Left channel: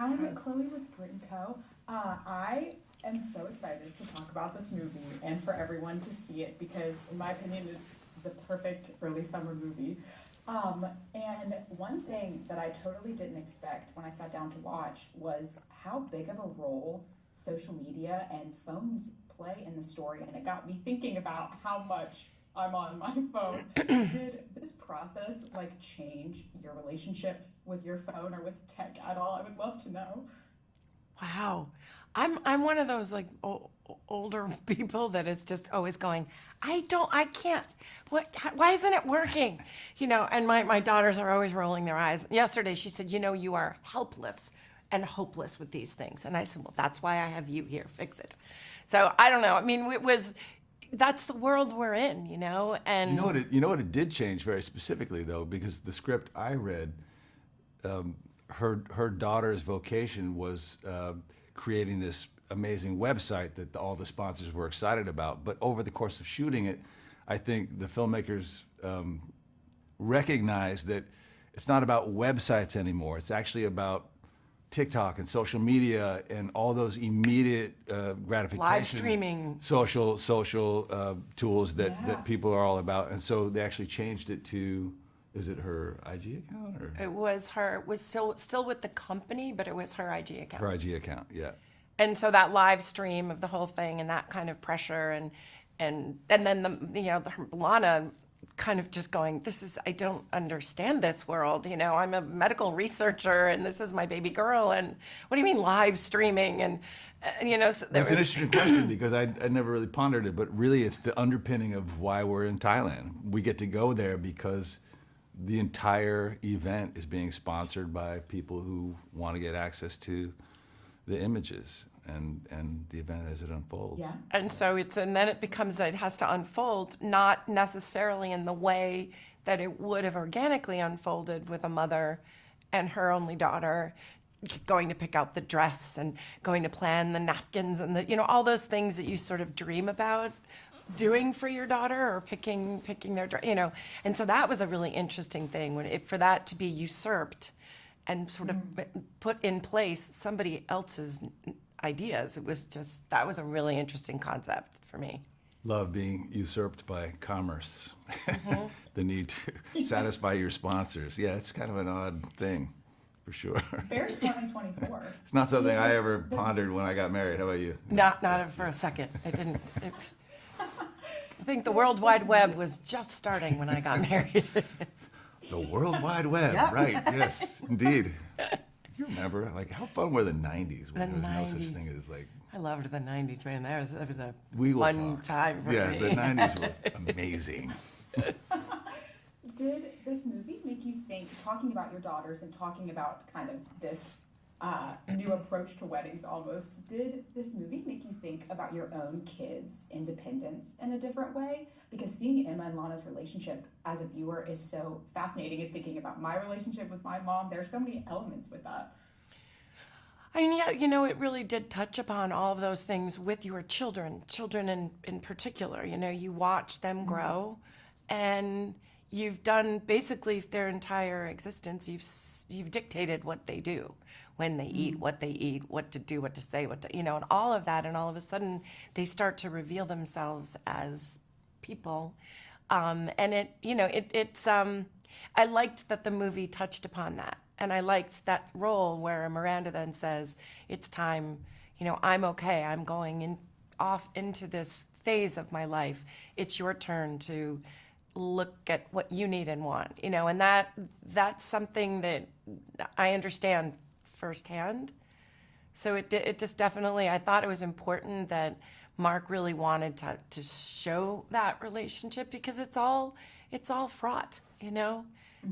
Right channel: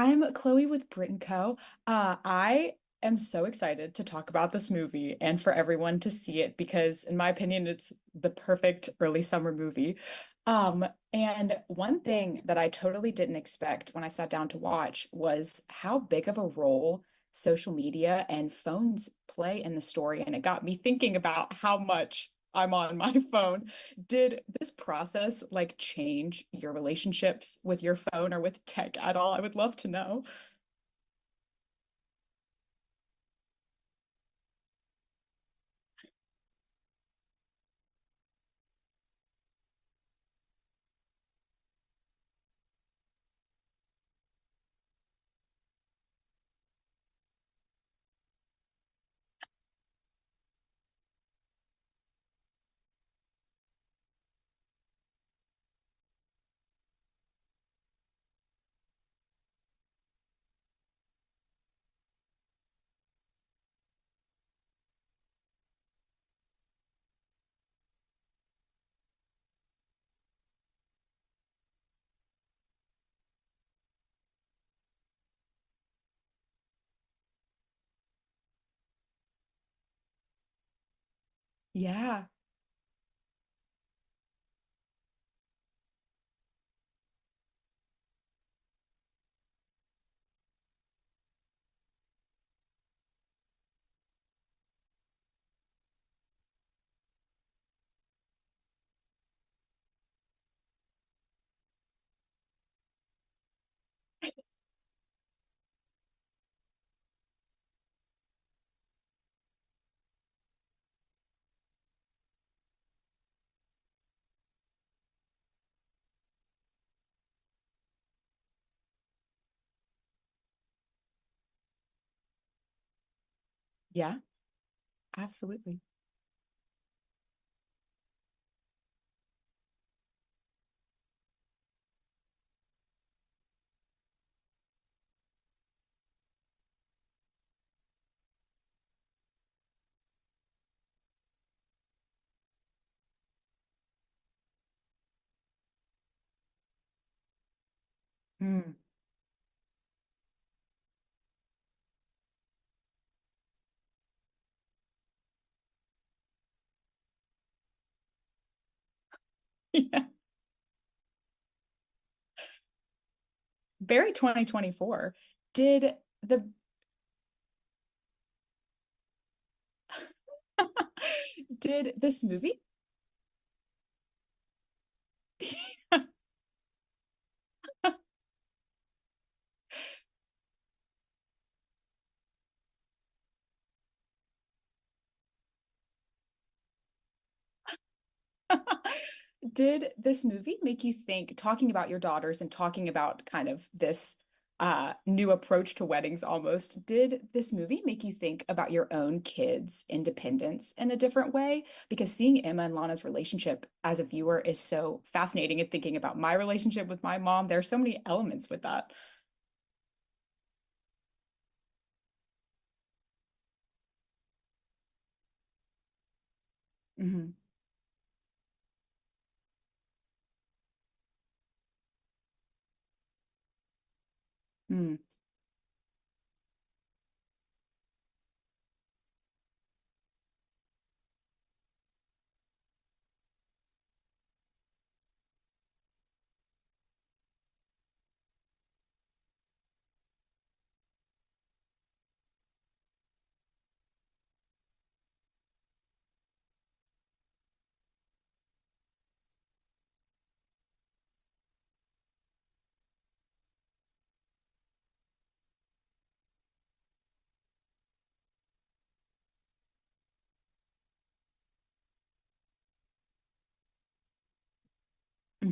I'm Chloe with Brit Co. I am so excited to talk about this movie and for everyone to see it because, in my opinion, it's the perfect early summer movie. And one thing that I totally didn't expect when I sat down to watch was how big of a role social media and phones play in the story. And it got me thinking about how much I'm on my phone. Did this process like change your relationships with your phone or with tech at all? I would love to know. Wow. I'm one of those like older people that is just always going, I can't, why isn't it working? And my daughters are always rolling their eyes. Yesterday she said, you are helpless and hopeless with these things. And I said, well, that's why I have you here, fix it. So I don't know. I mean, that's the world we're in, You know and what it did change very specifically though, because the script I read, her daughter's vocation was creating this amazing website that all the sponsors were excited about. But over the course of shooting it, I think the filmmakers recognized that it's not about websites anymore. It's actually about TikTok and social media and all those immediate gratification, live streaming, social tools that, Yeah. that people are all about. And so they actually changed it to, is it her IG account or it was still with the company, but it was her IG account. her IG account? Yeah. And so that live stream of the whole thing and that kind of pressure and then Lana kind of just going, I don't understand this world. I'm a medical researcher and this is my baby girl. And what do you mean live streaming? So That's an interesting question because I never really pondered it, but really it's the underpinning of why we're in Thailand. We get to go there because the entire event is being sponsored by people who want to get access to the images and the event as it unfolds. Yeah. And so it has to unfold, not necessarily in the way that it would have organically unfolded with a mother and her only daughter going to pick out the dress and going to plan the napkins and all those things that you sort of dream about doing for your daughter or picking their dress, And so that was a really interesting thing for that to be usurped and sort of put in place somebody else's ideas. That was a really interesting concept for me. Love being usurped by commerce. The need to satisfy your sponsors. Yeah, it's kind of an odd thing, for sure. Very 2024. It's not something Did I ever pondered when I got married. How about you? Not for a second. I didn't. I think the Did World this Wide Web movie- was just starting when I got married. The World Wide Web, Yep. right? Yes, indeed. Do you remember, like, how fun were the '90s when The there was no such 90s. thing as like? I loved the '90s, man. That was a We will fun talk. time for Yeah, me. the '90s were amazing. Did this movie make you think, talking about your daughters and talking about kind of this new approach to weddings almost, did this movie make you think about your own kids' independence in a different way? Because seeing Emma and Lana's relationship as a viewer is so fascinating, and thinking about my relationship with my mom, there are so many elements with that. I mean, yeah, it really did touch upon all of those things with your children in particular. You watch them grow, and you've done basically their entire existence. You've dictated what they do, when they eat, what they eat, what to do, what to say, and all of that. And all of a sudden, they start to reveal themselves as people. It's. I liked that the movie touched upon that. And I liked that role where Miranda then says, it's time, I'm okay. I'm going off into this phase of my life. It's your turn to look at what you need and want, and that's something that I understand firsthand. So it just definitely, I thought it was important that Mark really wanted to show that relationship because it's all fraught,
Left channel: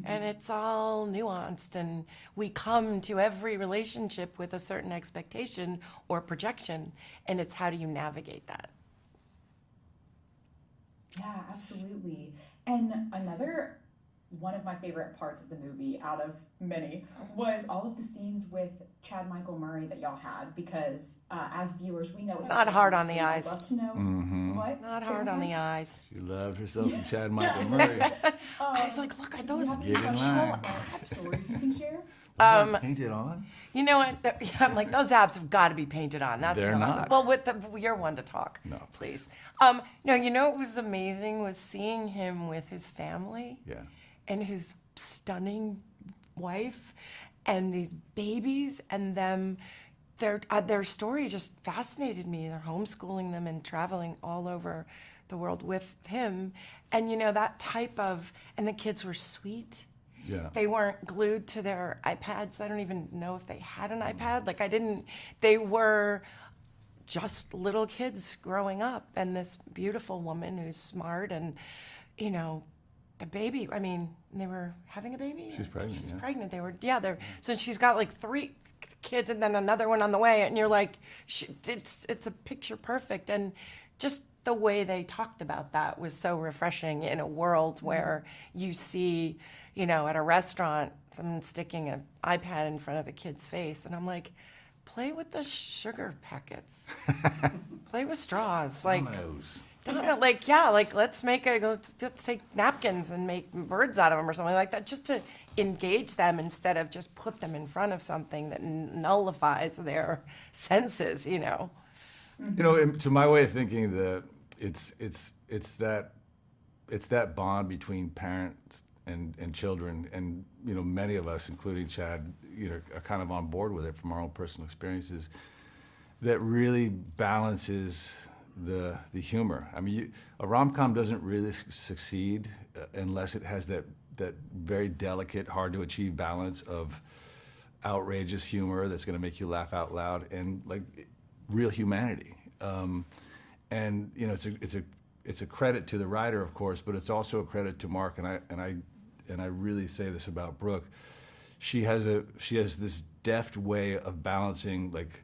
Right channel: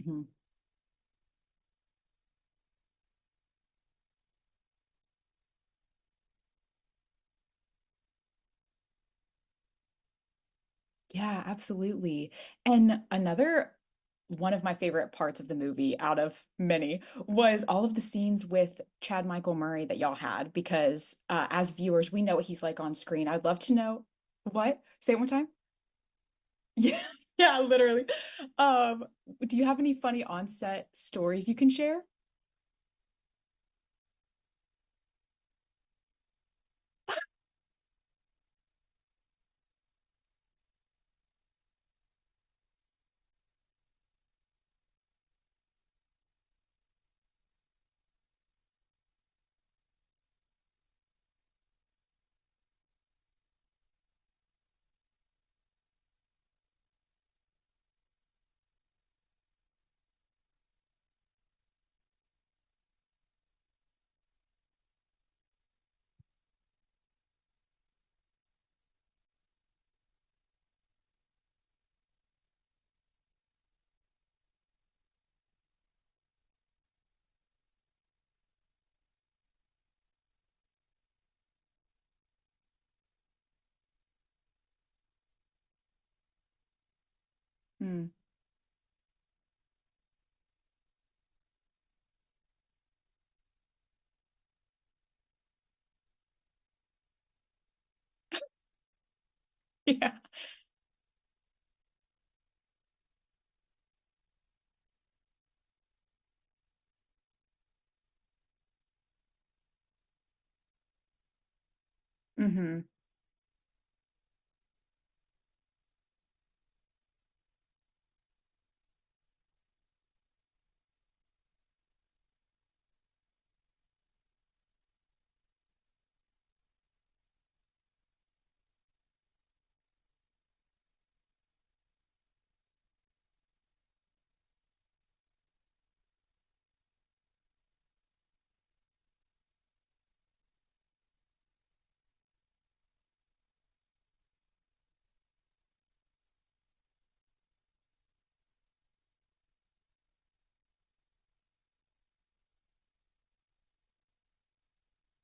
and it's all nuanced, and we come to every relationship with a certain expectation or projection, and it's how do you navigate that? Yeah, absolutely. And another one of my favorite parts of the movie, out of many, was all of the scenes with Chad Michael Murray that y'all had. Because as viewers, we know what he's Not like hard on on the screen. I'd eyes. love to know what. Not Say one hard on time? the eyes. She loved herself Yeah, some Chad yeah, Michael literally. Murray. I was like, look, Do you have any Get in funny line. on-set stories you can share? Painted on? You know what? I'm like, those abs have got to be painted on. They're not. Well, you're one to talk. No, please. No, you know what was amazing was seeing him with his family. Yeah. And his stunning wife, and these babies, and them. Their story just fascinated me. They're homeschooling them and traveling all over the world with him. And, you know, that type of, and the kids were sweet. Yeah. They weren't glued to their iPads. I don't even know if they had an iPad. Like, they were just little kids growing up. And this beautiful woman who's smart and, you know, the baby, I mean, they were having a baby? She's pregnant. She's pregnant. So she's got like 3 kids and then another one on the way. And you're like, it's a picture perfect. And just the way they talked about that was so refreshing in a world where you see, you know, at a restaurant, someone sticking an iPad in front of a kid's face. And I'm like, play with the sugar packets. Play with straws. Like, let's take napkins and make birds out of them or something like that, just to engage them instead of just put them in front of something that nullifies their senses, you know. Mm-hmm. You know, to my way of thinking, it's that bond between parents and children, and you know, many of us, including Chad, you know, are kind of on board with it from our own personal experiences. That really balances the humor. I mean, a rom-com doesn't really succeed unless it has that very delicate, hard to achieve balance of outrageous humor that's going to make you laugh out loud and like real humanity. And you know, it's a credit to the writer, of course, but it's also a credit to Mark. And I really say this about Brooke. She has this deft way of balancing like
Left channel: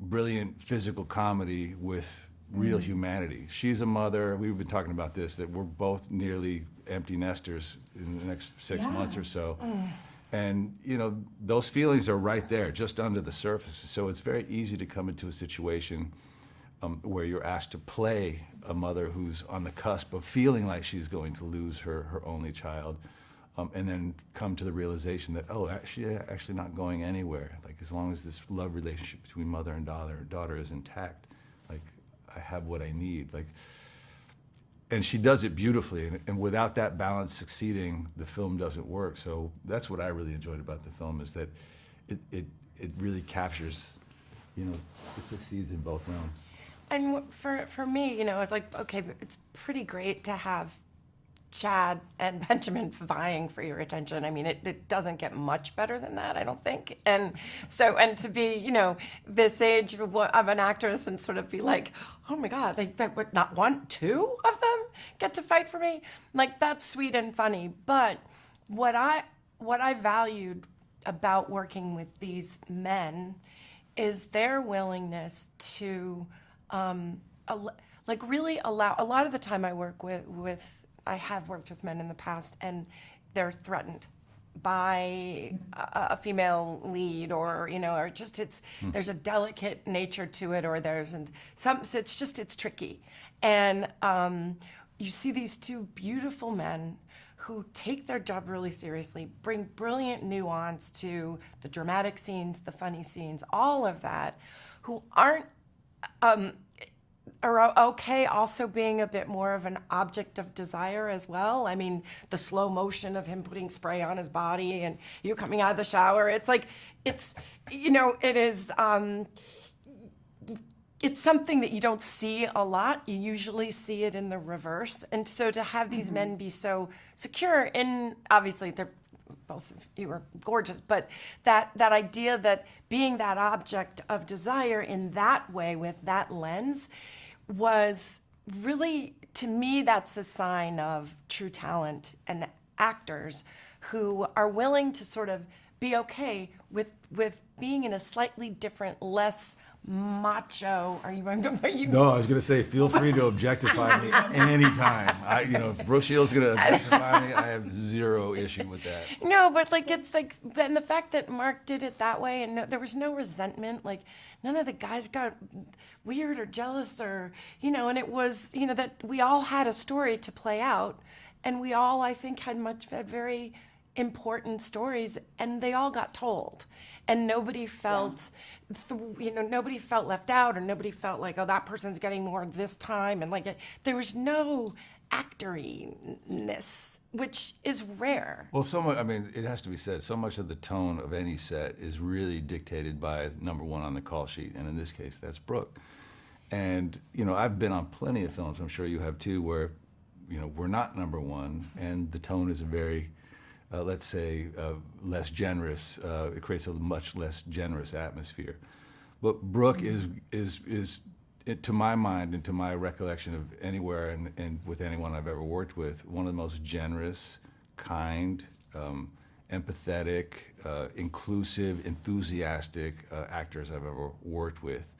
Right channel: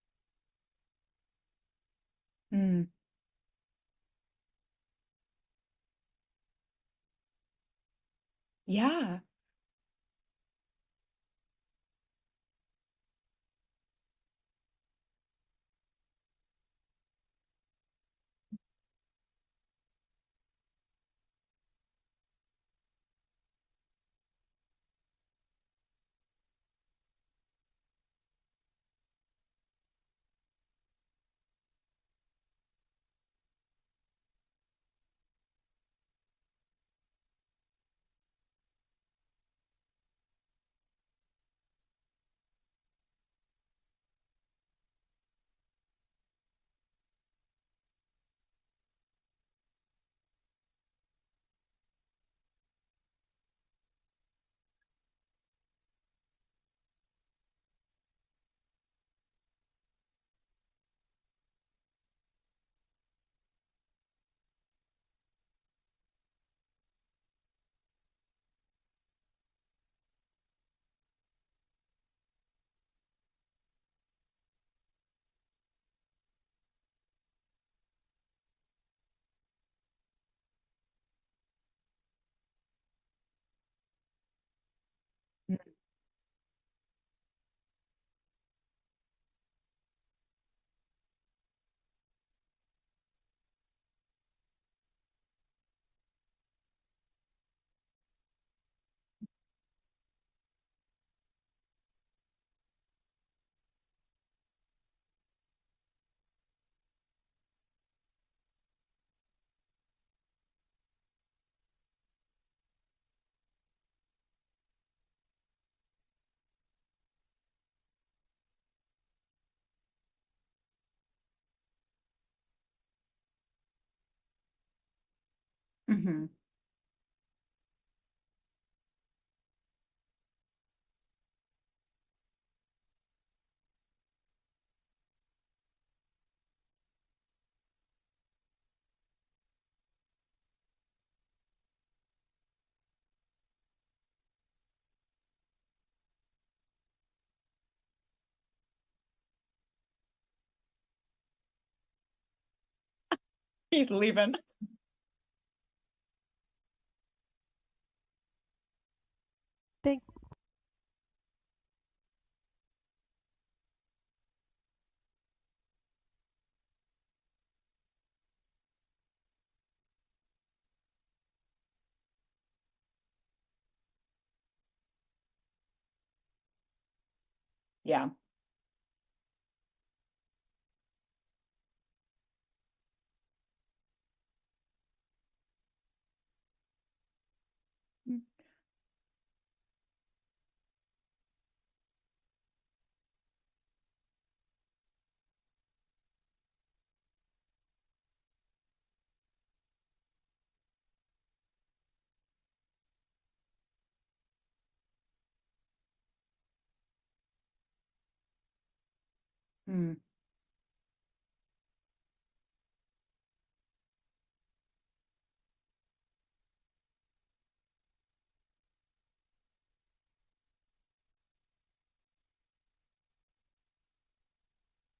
brilliant physical comedy with real humanity. She's a mother. We've been talking about this, that we're both nearly empty nesters in the next 6 months or so. And, you know, those feelings are right there, just under the surface. So it's very easy to come into a situation where you're asked to play a mother who's on the cusp of feeling like she's going to lose her only child, and then come to the realization that, she's actually not going anywhere. Like, as long as this love relationship between mother and daughter is intact, like, I have what I need. Like, and she does it beautifully, and without that balance succeeding, the film doesn't work. So that's what I really enjoyed about the film, is that it really captures, you know, it succeeds in both realms. And for me, you know, it's like, okay, it's pretty great to have Chad and Benjamin vying for your attention. I mean, it doesn't get much better than that, I don't think. And so, and to be, you know, this age of an actress and sort of be like, oh my God, they would not want 2 of them get to fight for me? Like, that's sweet and funny. But what I valued about working with these men is their willingness to really allow. A lot of the time I work I have worked with men in the past, and they're threatened by a female lead, or, you know, or just there's a delicate nature to it, or it's tricky. And you see these 2 beautiful men who take their job really seriously, bring brilliant nuance to the dramatic scenes, the funny scenes, all of that, who are okay also being a bit more of an object of desire as well. I mean, the slow motion of him putting spray on his body and you coming out of the shower, it's like, you know, it is, it's something that you don't see a lot. You usually see it in the reverse. And so to have these men be so secure in, obviously they're both of you are gorgeous, but that idea that being that object of desire in that way, with that lens, was really, to me, that's a sign of true talent and actors who are willing to sort of be okay with being in a slightly different, less macho. Are you? No, I was going to say, feel free to objectify me anytime. If Brooke Shields is going to objectify me, I have zero issue with that. No, but it's like, and the fact that Mark did it that way, and there was no resentment. Like, none of the guys got weird or jealous, or and it was that we all had a story to play out, and we all, I think, had very important stories, and they all got told, and nobody felt, nobody felt left out, or nobody felt like, oh, that person's getting more this time, and like there was no actoriness, which is rare. Well, so much, I mean, it has to be said, so much of the tone of any set is really dictated by number one on the call sheet, and in this case, that's Brooke. And, I've been on plenty of films, I'm sure you have too, where, we're not number one, and the tone is a very, let's say, less generous. It creates a much less generous atmosphere. But Brooke is to my mind and to my recollection of anywhere and with anyone I've ever worked with, one of the most generous, kind, empathetic, inclusive, enthusiastic actors I've ever worked with.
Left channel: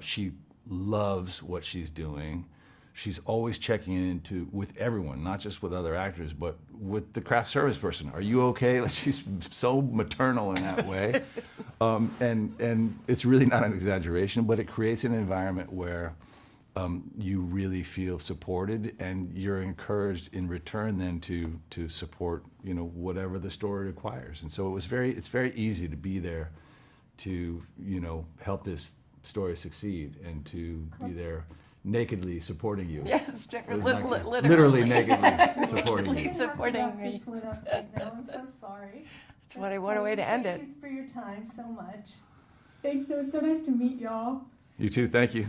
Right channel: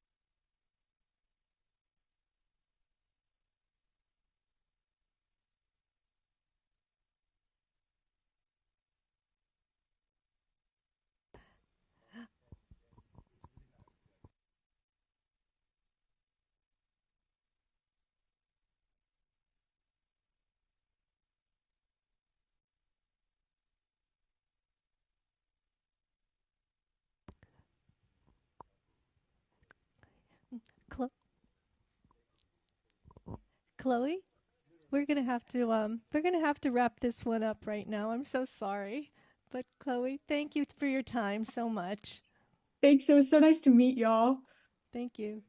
She loves what she's doing. She's always checking in with everyone, not just with other actors, but with the craft service person. Are you okay? Like, she's so maternal in that way. And it's really not an exaggeration, but it creates an environment where you really feel supported, and you're encouraged in return then to support, whatever the story requires. And so it's very easy to be there to, help this story succeed and to be there nakedly supporting you. Yes, literally nakedly supporting We're you. going to have to wrap this one up right now. I'm so sorry. That's what a way to end it. Thank you for your time so much. Thanks. It was so nice to meet y'all. You too. Thank you.